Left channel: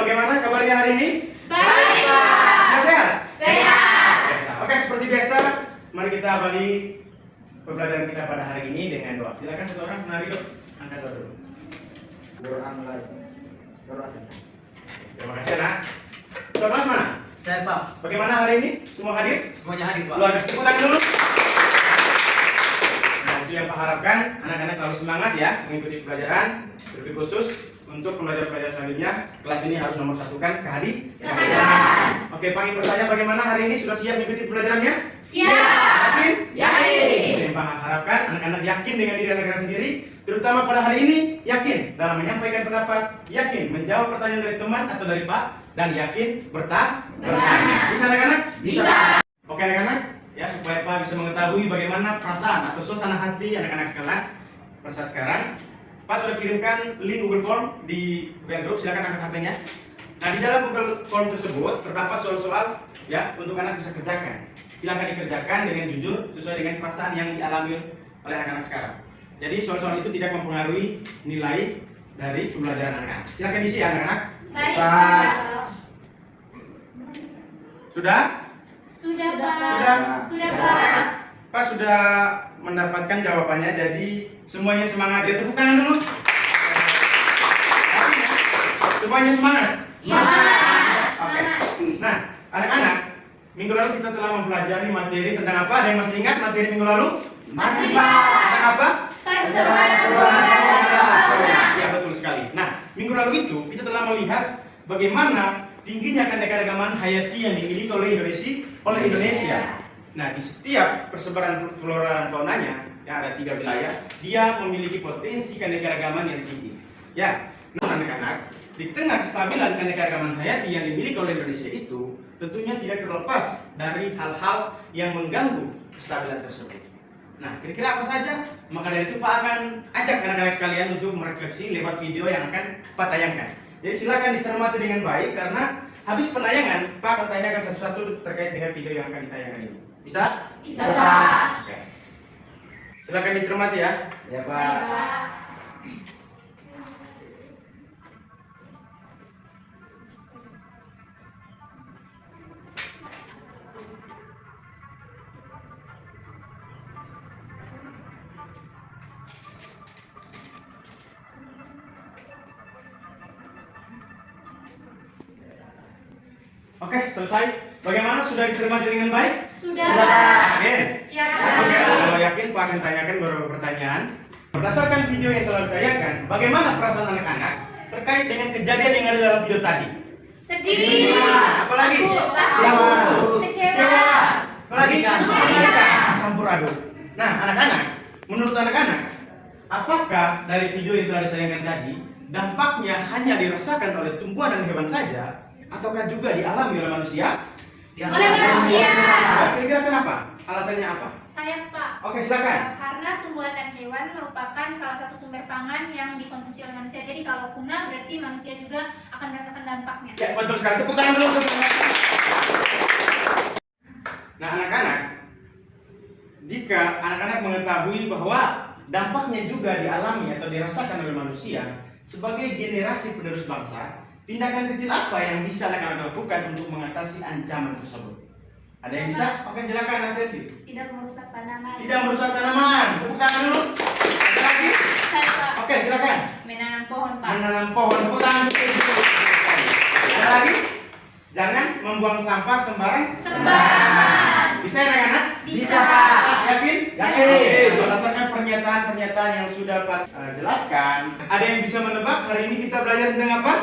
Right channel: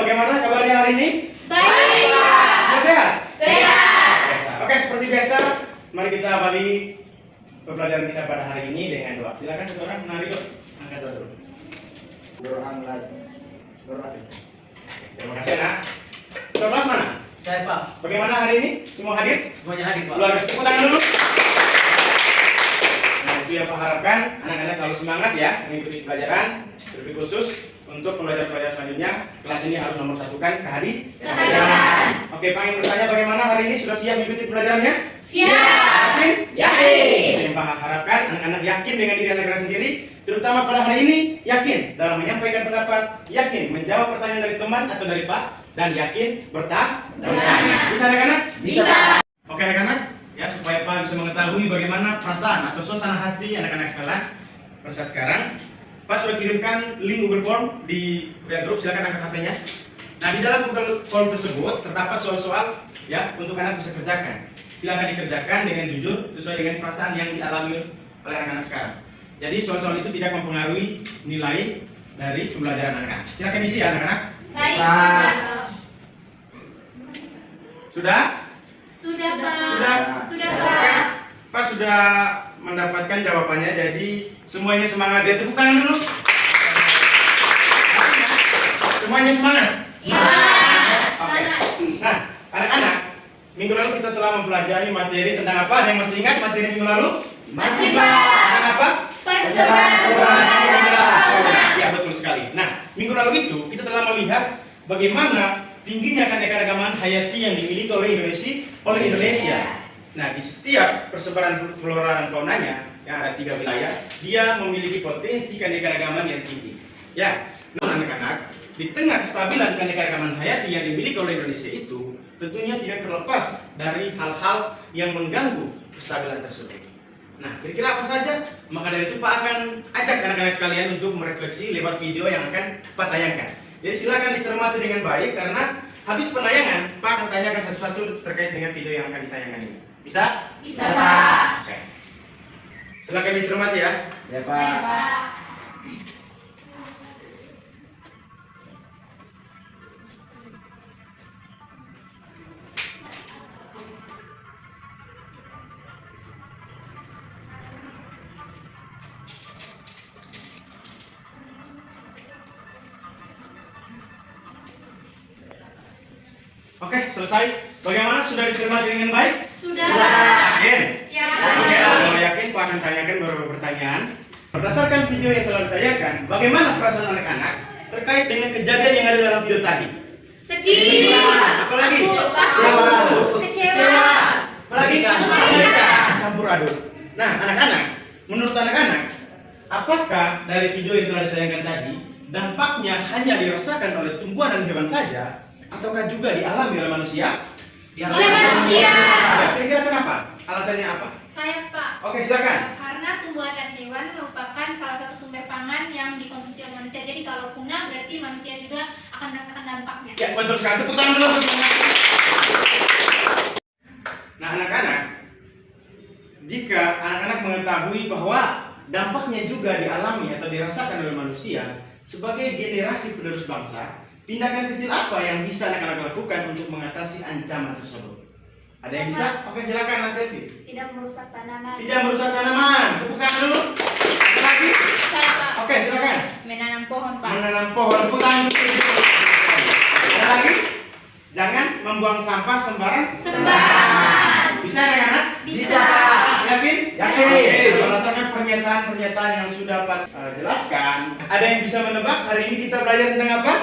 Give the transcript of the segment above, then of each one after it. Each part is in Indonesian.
bagaimana kabarnya hari ini? Baik, Pak. Sudah sehat? Sehat. Oke, seperti biasa, mari kita awali pembelajaran kita pada hari ini dengan doa. Silakan satu orang, mari dok, angkat doa dulu. Doa mulai. Doa selesai. Terima kasih anak. Thomas mana? Saya Pak, Bagaimana hari ini? Semua hadir? semuanya hadir Pak. Luar biasa, tepuk tangan dulu. Nah, itu yang Pak harapkan, anak-anak selalu semangat ya mengikuti pelajaran. Lebih khusus untuk pembelajaran selanjutnya, kelas ini harus nomor satukan Kehadiran. Oke, Pak ingin bertanya bagaimana hari ini sudah siap mengikuti pelajarannya? Siap. Yakin? Yakin. Itu yang Pak harapkan, anak-anak yakin dengan diri anak-anak sendiri, terutama pada hari ini, yakin dalam menyampaikan pendapat, yakin menjawab pertanyaan dari teman atau dari Pak, dan yakin bertanya. Bisa anak-anak? Bisa. Oke anak-anak, ya supaya Pak bisa mengetahui bagaimana perasaan atau suasana hati anak-anak sekalian pada saat sekarang. Pak sudah kirimkan link Google Form di WA Group, silakan angkat HP-nya. Nah, di dalam Google Form tersebut terdapat soal-soal ya untuk anak bisa kerjakan. Silakan dikerjakan dengan jujur sesuai dengan perasaan yang dialami oleh anak-anak sekarang. Jadi soal-soal itu tidak mempengaruhi nilai dari pembelajaran anak-anak. Silakan isi ya anak-anak. Baik, Pak. Pak. Sudah? Sudah, Pak. Sudah? Sudah, Oke. Pak. Pak sudah mendapatkan jawabannya, jadi semuanya semangat ya, tepuk tangan dulu. Semuanya semangat. Semangat. Oke. Nah, anak-anak, minggu lalu kita telah mempelajari materi tentang apa? Ada yang masih ingat materi minggu lalu? Masih, Pak. Tentang apa? Persebaran. Ya, betul sekali. Nah, minggu lalu itu kita telah melihat bagaimana tingginya keanekaragaman hayati yang dimiliki oleh Indonesia. Nah, di setiap persebaran flora dan faunanya yang ada 3 wilayah, dia memiliki potensi keanekaragaman yang tinggi. Ya, namun anak-anak, di tengah kestabilan keanekaragaman hayati yang dimiliki oleh Indonesia itu, tentunya tidak terlepas dari hal-hal yang mengganggu kestabilan tersebut. Nah, kira-kira apa saja? Maka dari itu Pak akan ajak anak-anak sekalian untuk merefleksi lewat video yang akan Pak tayangkan. Jadi silakan dicermati dengan baik karena habis penayangan Pak akan tanyakan satu-satu terkait dengan video yang akan ditayangkan ini. Bisa? Bisa, Pak. Oke. Silakan dicermati ya. Ya Baik, Pak. Pak. Oke, selesai. Bagaimana? Sudah dicermati dengan baik? Sudah, Yakin? Pak. Ya, Oke, Pak. kalau yakin Pak akan tanyakan beberapa pertanyaan. Berdasarkan video yang telah ditayangkan, bagaimana perasaan anak-anak terkait dengan kejadian yang ada dalam video tadi? Sedih. Apalagi? Takut. Kecewa. Apalagi? Mengerikan. Campur aduk. Nah, anak-anak, menurut anak-anak, apakah dari video yang telah ditayangkan tadi dampaknya hanya dirasakan oleh tumbuhan dan hewan saja, ataukah juga dialami oleh manusia? Oleh manusia. Ya, kira-kira kenapa? Alasannya apa? Saya Pak. Oke, silakan. Karena tumbuhan dan hewan merupakan salah satu sumber pangan yang dikonsumsi oleh manusia. Jadi kalau punah berarti manusia juga akan merasakan dampaknya. Ya, betul sekali. Tepuk tangan dulu. Nah, anak-anak, jika anak-anak mengetahui bahwa dampaknya juga dialami atau dirasakan oleh manusia sebagai generasi penerus bangsa, tindakan kecil apa yang bisa anak-anak lakukan untuk mengatasi ancaman tersebut? Ada yang bisa? Oke, silakan Mas Selvi. Tidak merusak tanaman. Tidak merusak tanaman. Tepuk tangan dulu. Ada lagi? Saya Pak. Oke, silakan. Menanam pohon Pak. Menanam pohon. Tepuk tangan dulu. Ada lagi? Jangan membuang sampah Sembarangan. Bisa ya anak-anak? Bisa, Pak. Yakin? Yakin. Berdasarkan pernyataan-pernyataan yang sudah Pak jelaskan, ada yang bisa menebak hari ini kita belajar tentang apa?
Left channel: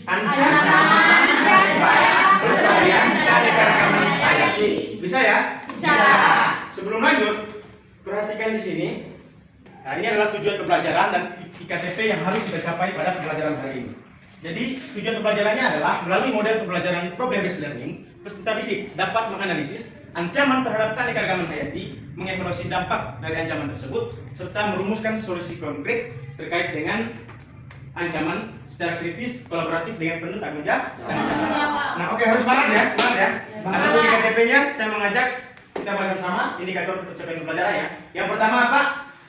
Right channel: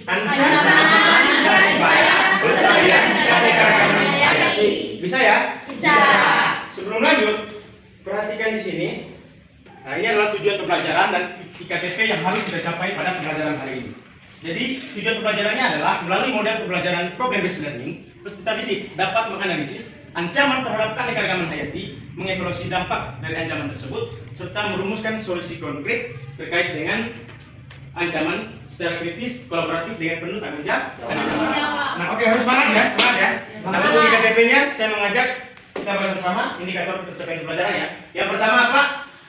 Ancaman dan upaya pelestarian keanekaragaman hayati. Bisa ya? Bisa. Sebelum lanjut, perhatikan di sini. Nah, ini adalah tujuan pembelajaran dan IKTP yang harus kita capai pada pembelajaran hari ini. Jadi, tujuan pembelajarannya adalah melalui model pembelajaran problem based learning, peserta didik dapat menganalisis ancaman terhadap keanekaragaman hayati, mengevaluasi dampak dari ancaman tersebut, serta merumuskan solusi konkret terkait dengan ancaman secara kritis, kolaboratif dengan penuh tanggung jawab. Nah, oke, harus semangat ya, semangat ya. Nah, untuk IKTP-nya saya mengajak kita bersama-sama indikator pencapaian pembelajaran ya. Yang pertama apa?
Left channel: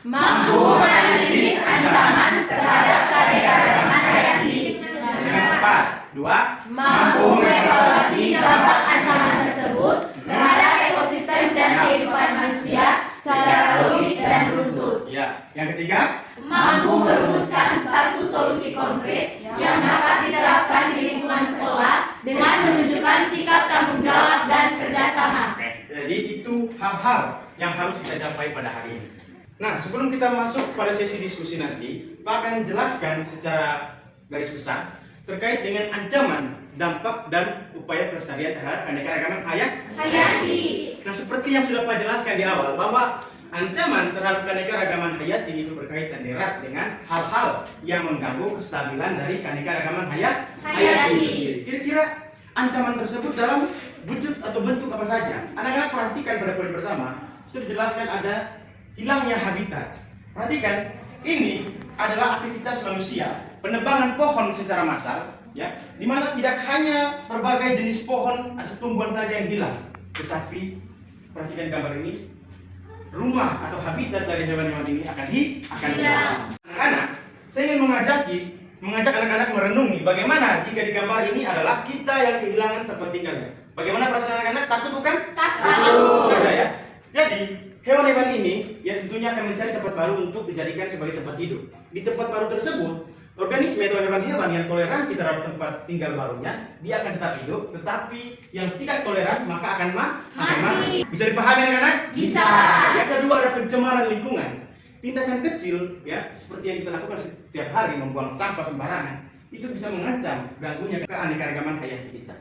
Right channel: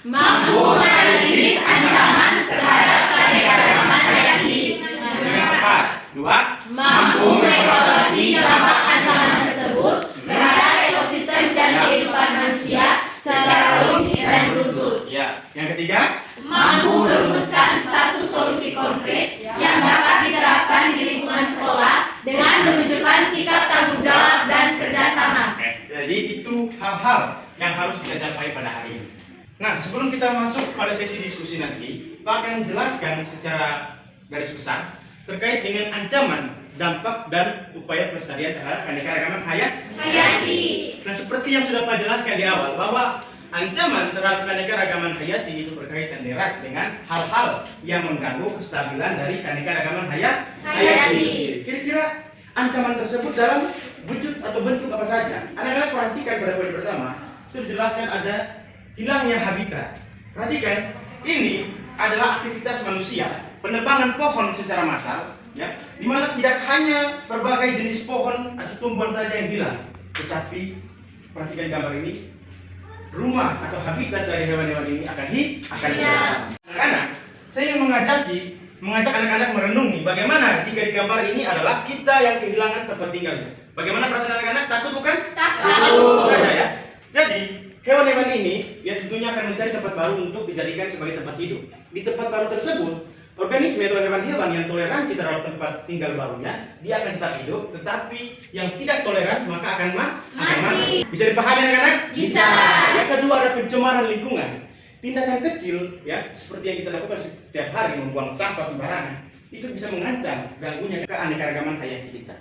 Mampu menganalisis ancaman terhadap keanekaragaman hayati Dengan tepat. Dua. Mampu mengevaluasi dampak ancaman tersebut terhadap ekosistem dan kehidupan manusia secara logis dan runtut. Ya. Yang ketiga. Mampu merumuskan satu solusi konkret yang dapat diterapkan di lingkungan sekolah dengan menunjukkan sikap tanggung jawab dan kerjasama. Jadi itu hal-hal yang harus kita capai pada hari ini. Nah, sebelum kita masuk pada sesi diskusi nanti, Pak akan jelaskan secara garis besar terkait dengan ancaman, dampak, dan upaya pelestarian terhadap keanekaragaman hayati. Nah, seperti yang sudah Pak jelaskan di awal, bahwa ancaman terhadap keanekaragaman hayati itu berkaitan erat dengan hal-hal yang mengganggu kestabilan dari keanekaragaman hayati itu sendiri. Kira-kira ancaman tersebut dalam wujud atau bentuk apa saja? Anak-anak perhatikan pada poin bersama, itu dijelaskan ada hilangnya habitat. Perhatikan, ini adalah aktivitas manusia, penebangan pohon secara massal, ya, di mana tidak hanya berbagai jenis pohon atau tumbuhan saja yang hilang, tetapi perhatikan gambar ini, rumah atau habitat dari hewan-hewan ini akan hilang. Anak-anak, saya ingin mengajak anak-anak merenungi bagaimana jika di gambar ini adalah kita yang kehilangan tempat tinggalnya. Bagaimana perasaan anak-anak? Takut bukan? Takut. Saja ya. Jadi hewan-hewan ini ya tentunya akan mencari tempat baru untuk dijadikan sebagai tempat hidup. Di tempat baru tersebut, organisme atau hewan-hewan yang toleransi terhadap tempat tinggal barunya, dia akan tetap hidup. Tetapi yang tidak toleran maka akan mati. Bisa dipahami anak-anak? Bisa. Yang kedua ada pencemaran lingkungan. Tindakan kecil ya seperti yang kita lakukan setiap hari, membuang sampah sembarangan, itu bisa mengancam ganggunya keanekaragaman hayati kita.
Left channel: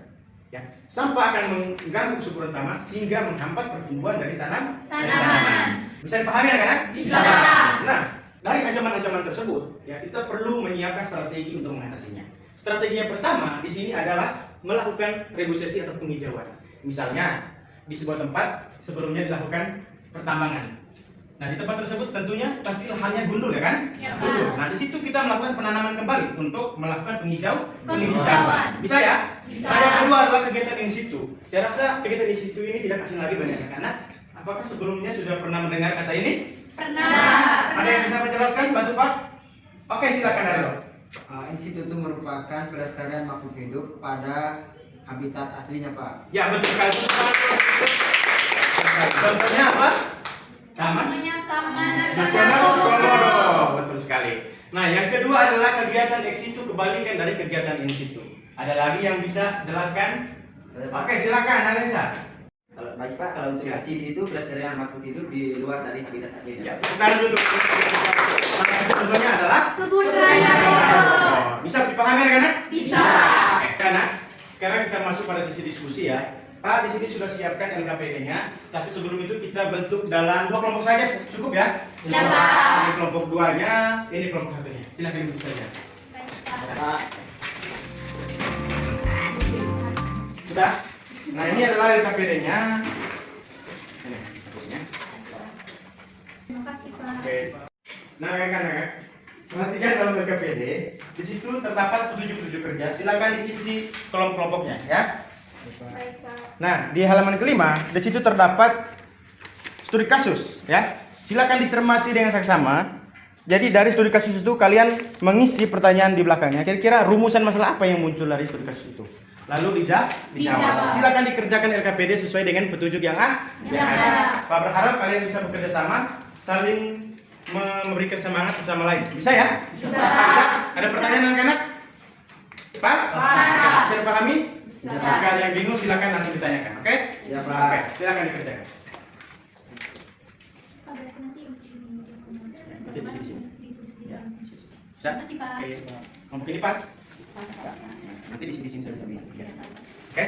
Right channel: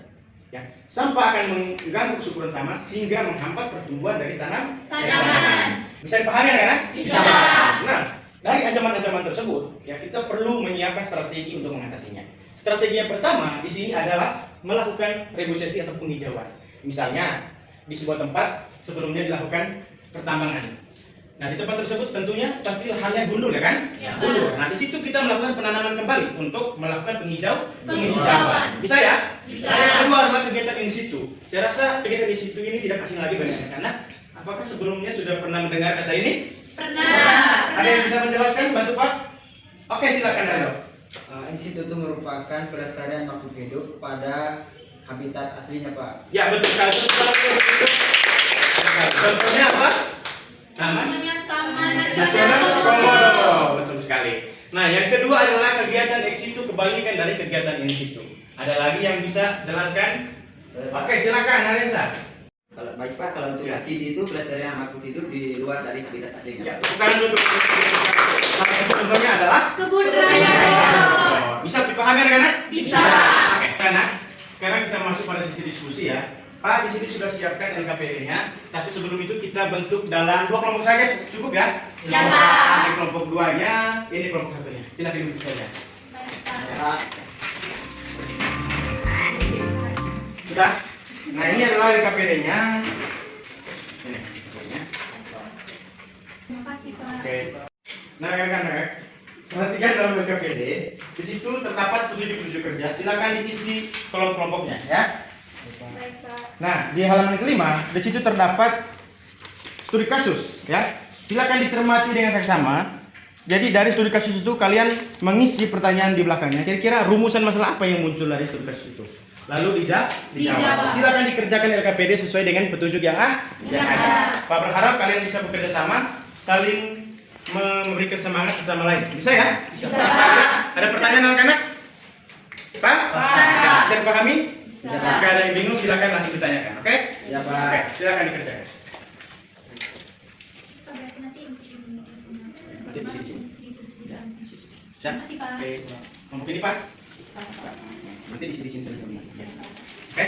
Ya, sampah akan mengganggu kesuburan tanah sehingga menghambat pertumbuhan dari tanaman. Bisa dipahami anak-anak? Bisa. Nah, dari ancaman-ancaman tersebut, ya kita perlu menyiapkan strategi untuk mengatasinya. Strategi yang pertama di sini adalah melakukan reboisasi atau penghijauan. Misalnya di sebuah tempat sebelumnya dilakukan pertambangan. Nah, di tempat tersebut tentunya pasti lahannya gundul ya kan? Ya, Gundul. Nah, di situ kita melakukan penanaman kembali untuk melakukan penghijauan. Bisa ya? Bisa. Nah, yang kedua adalah kegiatan in situ. Saya rasa kegiatan in situ ini tidak asing lagi bagi anak-anak. Apakah sebelumnya sudah pernah mendengar kata ini? Pernah. Ada yang bisa menjelaskan? Bantu Pak. Oke, silakan Daryl. In situ itu merupakan pelestarian makhluk hidup pada habitat aslinya, Pak. Ya, betul sekali. Contohnya apa? Taman Taman Nasional Komodo. Betul sekali. Nah, yang kedua adalah kegiatan ex situ, kebalikan dari kegiatan in situ. Ada lagi yang bisa jelaskan? Oke, silakan Anessa. Kalau baik Pak, kalau untuk Ya. in situ itu pelestarian makhluk hidup di luar dari habitat aslinya. Ya, tepuk tangan untuk salah satu contohnya adalah Kebun raya. bisa dipahami anak-anak? Bisa. Oke, anak. Sekarang kita masuk pada sisi diskusi ya. Pak, di sini sudah siapkan LKPD-nya, tapi sebelum itu kita bentuk dalam 2 kelompok saja, cukup ya? Ya, Pak. Ini kelompok 2-nya, ini kelompok 1-nya. Silakan dibentuk saja. Ya, Pak. Sudah? Nah, ini adalah LKPD-nya. Ini LKPD-nya. Terima kasih Pak. Oke. Nah, kan, perhatikan dalam LKPD, di situ terdapat petunjuk-petunjuk kerja. Silakan diisi kolom kelompoknya ya. Baik Pak. Nah, di halaman kelima, di situ terdapat studi kasus, ya. Silakan dicermati dengan seksama. Jadi dari studi kasus itu kalian mengisi pertanyaan di belakangnya. Kira-kira rumusan masalah apa yang muncul dari studi kasus itu? Lalu dijawab. Dijawab. Silakan dikerjakan LKPD sesuai dengan petunjuk yang Yang ada. ada. Pak berharap kalian bisa bekerja sama, saling memberikan semangat bersama lain. Bisa ya? Bisa. Ada pertanyaan anak-anak? Pas? Bisa dipahami? Bisa. Jika ada yang bingung silakan langsung ditanyakan, oke? Ya, Pak. Oke, silakan dikerjakan. Pak, berarti nanti Nanti di sini. Ya, bisa? Terima kasih, Pak. Oke. Kelompok ini pas? Nanti di sini. Ya. Oke.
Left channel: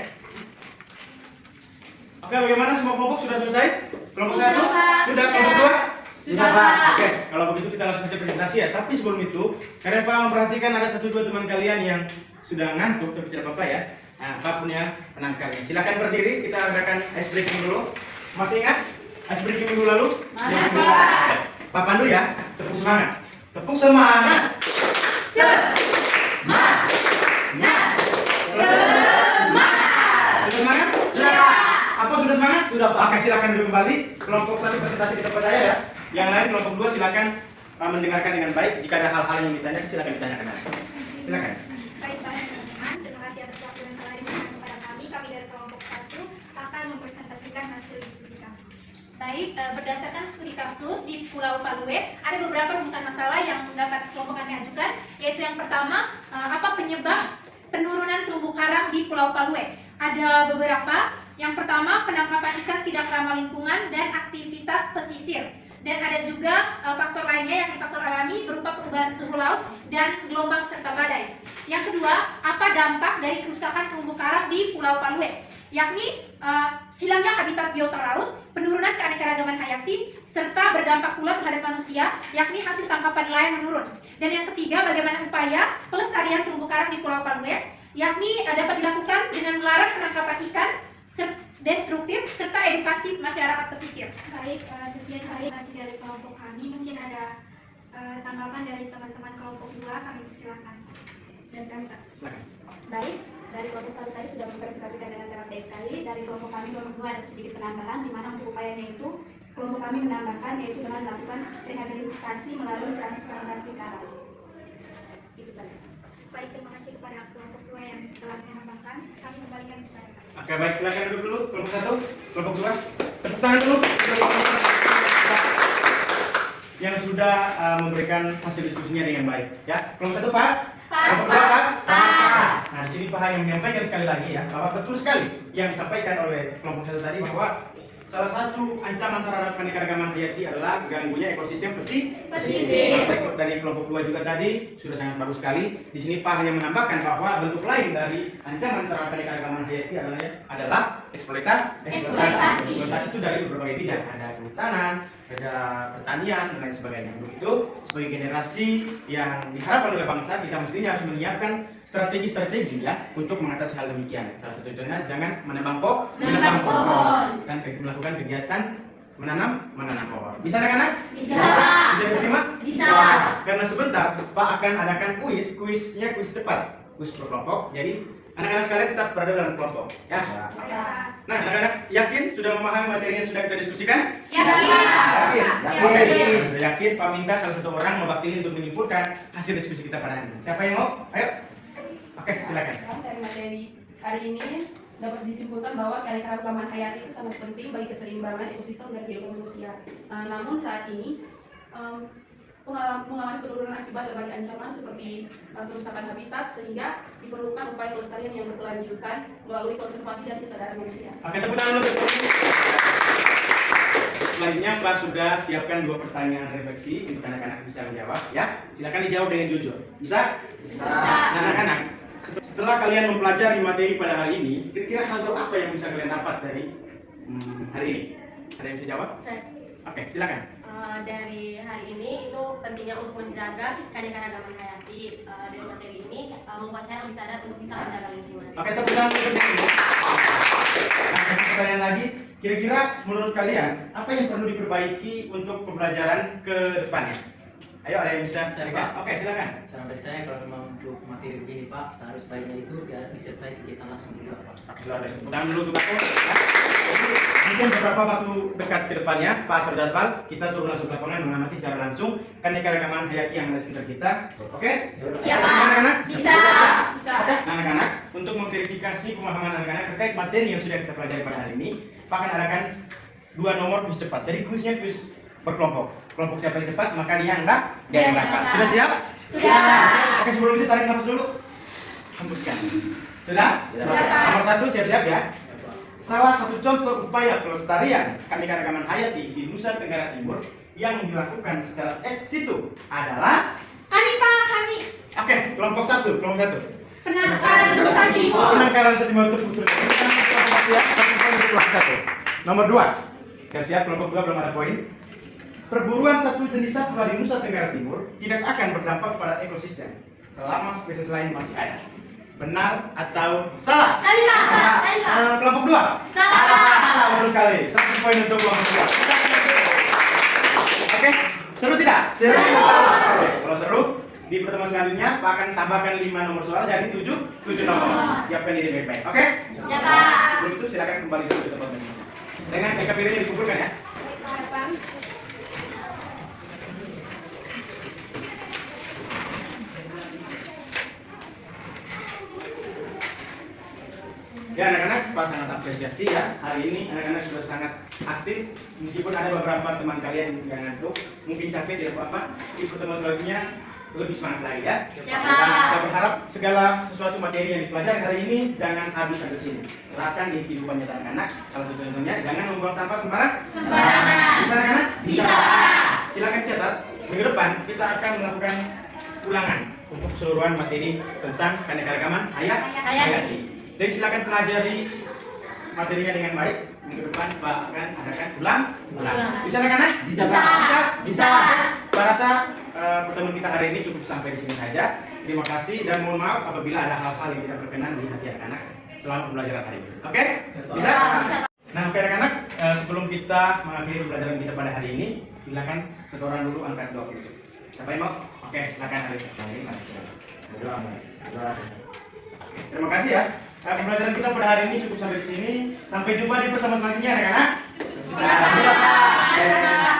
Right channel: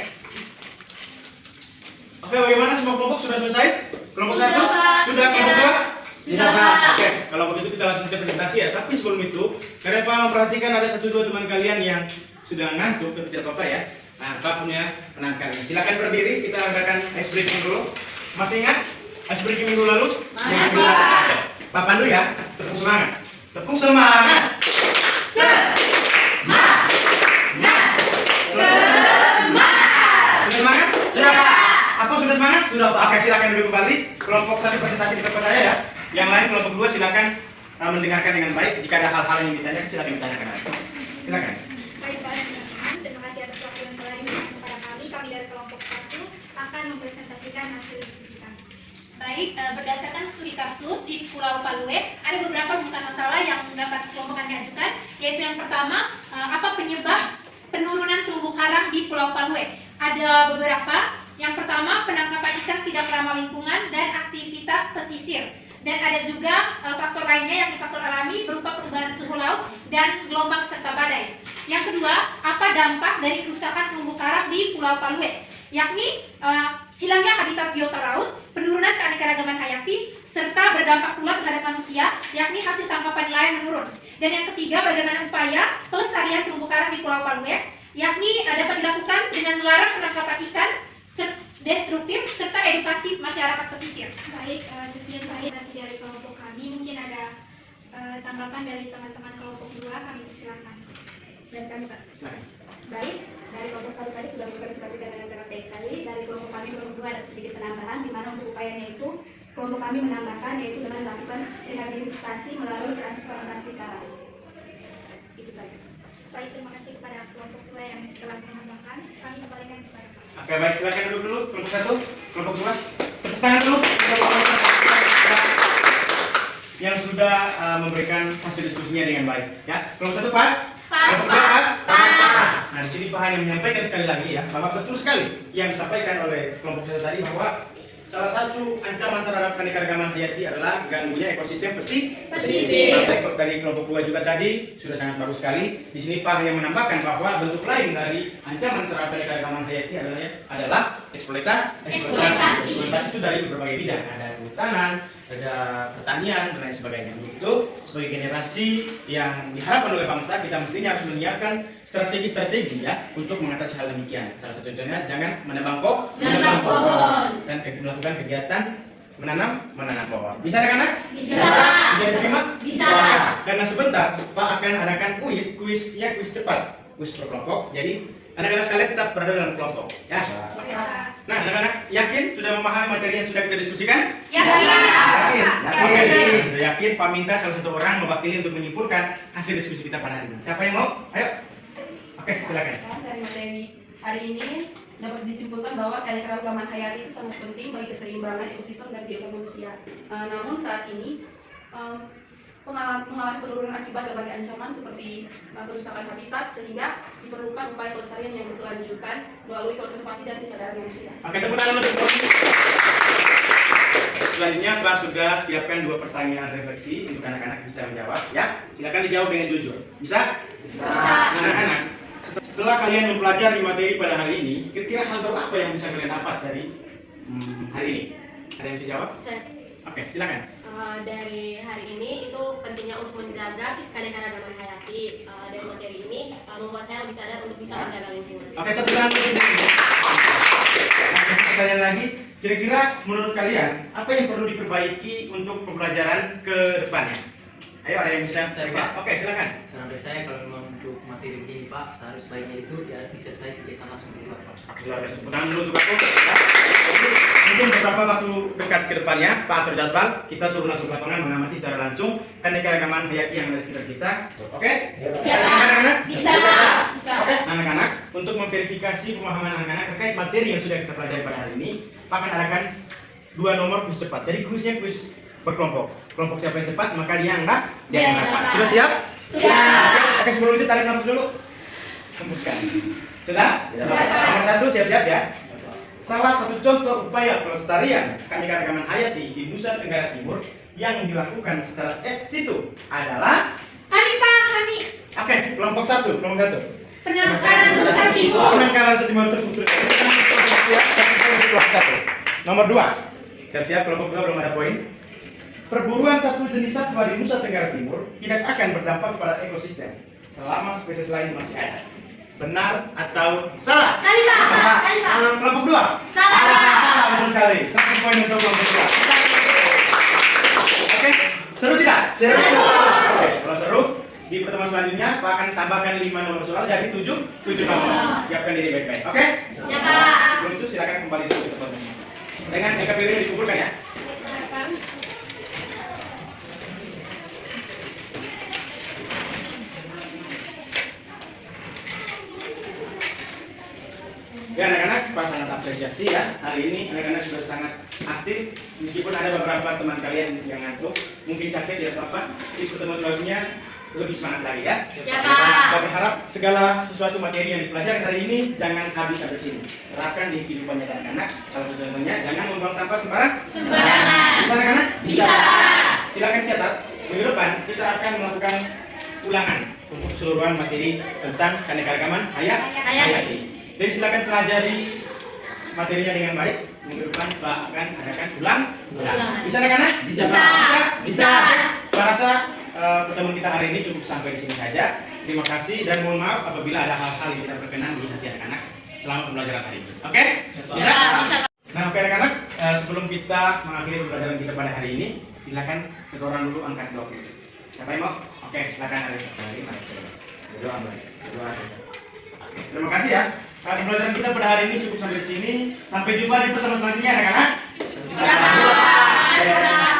Oke, bagaimana semua kelompok sudah selesai? Kelompok Sudah, 1? Pak. Sudah, kelompok 2? Sudah, Pak. Oke, kalau begitu kita langsung saja presentasi ya. Tapi sebelum itu, karena Pak memperhatikan ada 1-2 teman kalian yang sudah ngantuk, tapi tidak apa-apa ya. Nah, Pak punya penangkalnya. Silakan berdiri, kita adakan ice breaking dulu. Masih ingat ice breaking dulu lalu? Masih, Pak. Pak pandu ya, tepuk semangat. Tepuk semangat. Sudah semangat? Sudah, Pak. Apa sudah semangat? Sudah, Pak. Oke, silakan duduk kembali. Kelompok 1 presentasi di tempat saya ya. Yang lain kelompok 2 silakan mendengarkan dengan baik. Jika ada hal-hal yang ditanya, silakan ditanyakan. Silakan. Baik Pak, teman-teman. Terima kasih mempresentasikan hasil diskusi kami. Baik, berdasarkan studi kasus di Pulau Palue, ada beberapa rumusan masalah yang dapat kelompok kami ajukan, yaitu yang pertama, apa penyebab penurunan terumbu karang di Pulau Palue? Ada beberapa. Yang pertama, penangkapan ikan tidak ramah lingkungan dan aktivitas pesisir. Dan ada juga faktor lainnya, yakni faktor alami berupa perubahan suhu laut dan gelombang serta badai. Yang kedua, apa dampak dari kerusakan terumbu karang di Pulau Palue? Yakni hilangnya habitat biota laut, penurunan keanekaragaman hayati, serta berdampak pula terhadap manusia, yakni hasil tangkapan nelayan menurun. Dan yang ketiga, bagaimana upaya pelestarian terumbu karang di Pulau Palue, yakni dapat dilakukan dengan melarang penangkapan ikan destruktif serta edukasi masyarakat pesisir. Baik, sekian klarifikasi dari kelompok kami. Mungkin ada tanggapan dari teman-teman kelompok 2, kami persilakan. Dan kami Pak. Silakan. Baik, dari kelompok 1 tadi sudah mempresentasikan dengan sangat baik sekali. Dari kelompok kami kelompok 2 ada sedikit penambahan, di mana untuk upayanya itu kelompok kami menambahkan yaitu dengan melakukan rehabilitasi melalui transplantasi karang. Itu saja. Baik, terima kasih kepada kelompok 2 yang telah menambahkan. Kami kembalikan kepada Pak. Oke, baik, silakan duduk dulu. Kelompok 1, kelompok 2. Tepuk tangan dulu untuk kelompok yang sudah memberikan hasil diskusinya dengan baik. Ya, kelompok 1 pas. Kelompok 2 pas. Nah, di sini Pak Han yang menyampaikan sekali lagi ya, bahwa betul sekali yang disampaikan oleh kelompok 1 tadi bahwa salah satu ancaman terhadap keanekaragaman hayati adalah ganggunya ekosistem pesisir. Dari kelompok 2 juga tadi sudah sangat bagus sekali. Di sini Pak yang menambahkan bahwa bentuk lain dari ancaman terhadap keanekaragaman hayati adalah eksploitasi. Eksploitasi itu dari berbagai bidang, ada kehutanan, ada pertanian dan lain sebagainya. Untuk itu, sebagai generasi yang diharapkan oleh bangsa, kita mestinya harus menyiapkan strategi-strategi ya untuk mengatasi hal demikian. Salah satu contohnya jangan menebang pohon dan melakukan kegiatan menanam pohon. Bisa anak-anak? Bisa. Bisa diterima? Bisa. Karena sebentar Pak akan adakan kuisnya kuis cepat, kuis per kelompok. Jadi anak-anak sekalian tetap berada dalam kelompok. Ya. Nah, anak-anak yakin sudah memahami materi yang sudah kita diskusikan? Yakin. Sudah yakin? Pak minta salah satu orang mewakili untuk menyimpulkan hasil diskusi kita pada hari ini. Siapa yang mau? Ayo. Oke, silakan. Dari materi hari ini dapat disimpulkan bahwa keanekaragaman hayati itu sangat penting bagi keseimbangan ekosistem dan kehidupan manusia. Namun saat ini mengalami penurunan akibat berbagai ancaman seperti kerusakan habitat, sehingga diperlukan upaya pelestarian yang berkelanjutan melalui konservasi dan kesadaran manusia. Oke, tepuk tangan untuk selanjutnya Pak sudah siapkan 2 pertanyaan refleksi untuk anak-anak bisa menjawab ya. Silakan dijawab dengan jujur. Bisa? Bisa. Nah, anak-anak, setelah kalian mempelajari materi pada hari ini, kira-kira hal baru apa yang bisa kalian dapat dari hari ini? Ada yang bisa jawab? Oke, silakan. Dari hari ini itu pentingnya untuk menjaga keanekaragaman hayati. Dari materi ini membuat saya lebih sadar untuk bisa menjaga lingkungan. Oke, tepuk tangan untuk ini. Nah, pertanyaan lagi, kira-kira menurut kalian apa yang perlu diperbaiki untuk pembelajaran ke depannya? Ayo, ada yang bisa Saya, share? Pak. Oke, silakan. Saran dari saya kalau memang untuk materi begini Pak, seharusnya baiknya itu ya disertai kegiatan langsung di luar Pak. Oke, luar biasa. Tepuk tangan dulu untuk aku. Ya. Mungkin beberapa waktu dekat ke depannya, Pak terjadwal, kita turun langsung ke lapangan mengamati secara langsung keanekaragaman hayati yang ada di sekitar kita. Oke? Ya, Pak. Anak-anak? Bisa. Oke, anak-anak, untuk memverifikasi pemahaman anak-anak terkait materi yang sudah kita pelajari pada hari ini, Pak akan adakan 2 nomor kuis cepat. Jadi kuisnya kuis berkelompok. Kelompok siapa yang cepat, maka dia yang dapat. Sudah siap? Sudah. Oke, sebelum itu tarik nafas dulu. Hembuskan. Sudah? Nomor 1 siap-siap ya. Salah satu contoh upaya pelestarian keanekaragaman hayati di Nusa Tenggara Timur yang dilakukan secara ex situ adalah Kami Pak, kami oke, kelompok 1. penangkaran Nusa Timur. Penangkaran Nusa Timur terputus. Nomor 2. Siap-siap, kelompok 2 belum ada poin. Perburuan satu jenis satwa di Nusa Tenggara Timur tidak akan berdampak pada ekosistem selama spesies lain masih ada. Benar atau salah? Kami Pak. Kelompok 2. Salah, betul sekali. 1 poin untuk kelompok 2. Oke, seru tidak? Seru. Oke, kalau seru, di pertemuan selanjutnya Pak akan tambahkan 5 nomor soal jadi 7 nomor. Siapkan diri baik-baik. Oke? Ya, Pak. Sebelum itu silakan kembali dulu ke tempat masing-masing. Dengan NKPD dikumpulkan ya. Ya anak-anak, Pak sangat apresiasi ya. Hari ini anak-anak sudah sangat aktif. Meskipun ada beberapa teman kalian yang ngantuk, mungkin capek tidak apa-apa. Ikut teman selanjutnya lebih semangat lagi ya. Ya, Pak. Kita berharap segala sesuatu materi yang dipelajari hari ini jangan habis sampai sini. Terapkan di kehidupan nyata anak-anak. Salah satu contohnya jangan membuang sampah Sembarangan. Bisa anak-anak? Bisa. Silakan catat. Minggu depan kita akan melakukan ulangan untuk keseluruhan materi tentang keanekaragaman hayati. Jadi silakan pelajari materinya dengan baik. Minggu depan Pak akan adakan ulang. Bisa anak-anak? Bisa. Bisa. Saya rasa pertemuan kita hari ini cukup sampai di sini saja. Terima kasih dan mohon maaf apabila ada hal-hal yang tidak berkenan di hati anak-anak selama pembelajaran hari ini. Oke? Bisa? Bisa. Nah, oke anak-anak, sebelum kita mengakhiri pembelajaran kita pada hari ini, silakan satu orang dulu angkat 20. Siapa yang mau? Oke, silakan Alisa. Terima kasih ya. Pembelajaran kita pada hari ini cukup sampai di sini. Sampai jumpa di pertemuan selanjutnya anak-anak. Ya, Pak.